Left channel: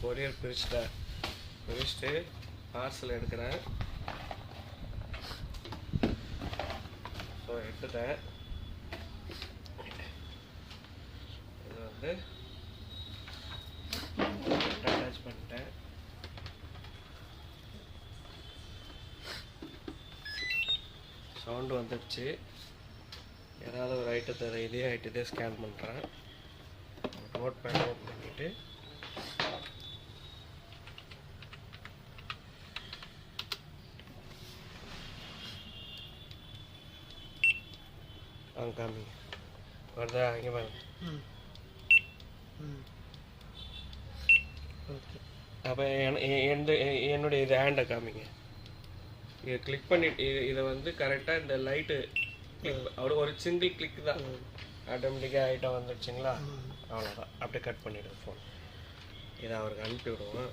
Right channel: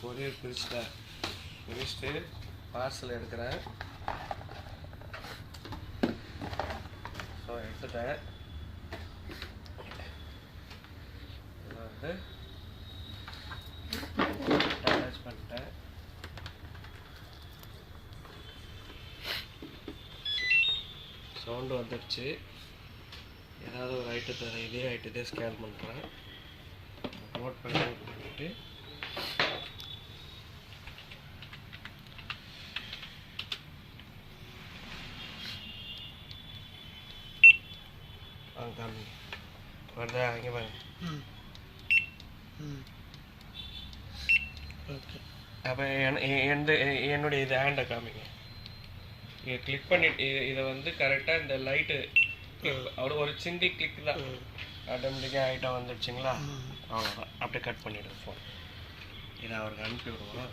Courier பிரிச்சுட்டு parcel எடுக்கிறேன். So எடுத்துட்டேன். இதை வந்து அட்டாச் பண்ணிட்டேன். சவுண்டு வந்துடுச்சு. ஏதாவது ஒரு ஐட்டத்தை இதே ஐட்டத்தை ஸ்கேன் பண்ணுறேன். நோட் பண்ணிட்டு காமி வருதா? இங்கே பாருங்க. ஓகே. அப்போ என்னுடைய இது ஹேண்டை காமிங்க. இதை கிளிக் பண்ணிட்டு இதை வந்து கரெக்டாக இந்த லைட்டு அவ்வளோ ஒரு சிங்கிள் கிளிக் தான் ஆட்டோமேட்டிக்காக ஐட்டம் வந்துடுச்சிங்களா? அவ்வளோதான். அப்படியே கட் பண்ணிவிடுவோம் ஃபோன். இதை அவருக்கு அனுப்பி விடுவோம்.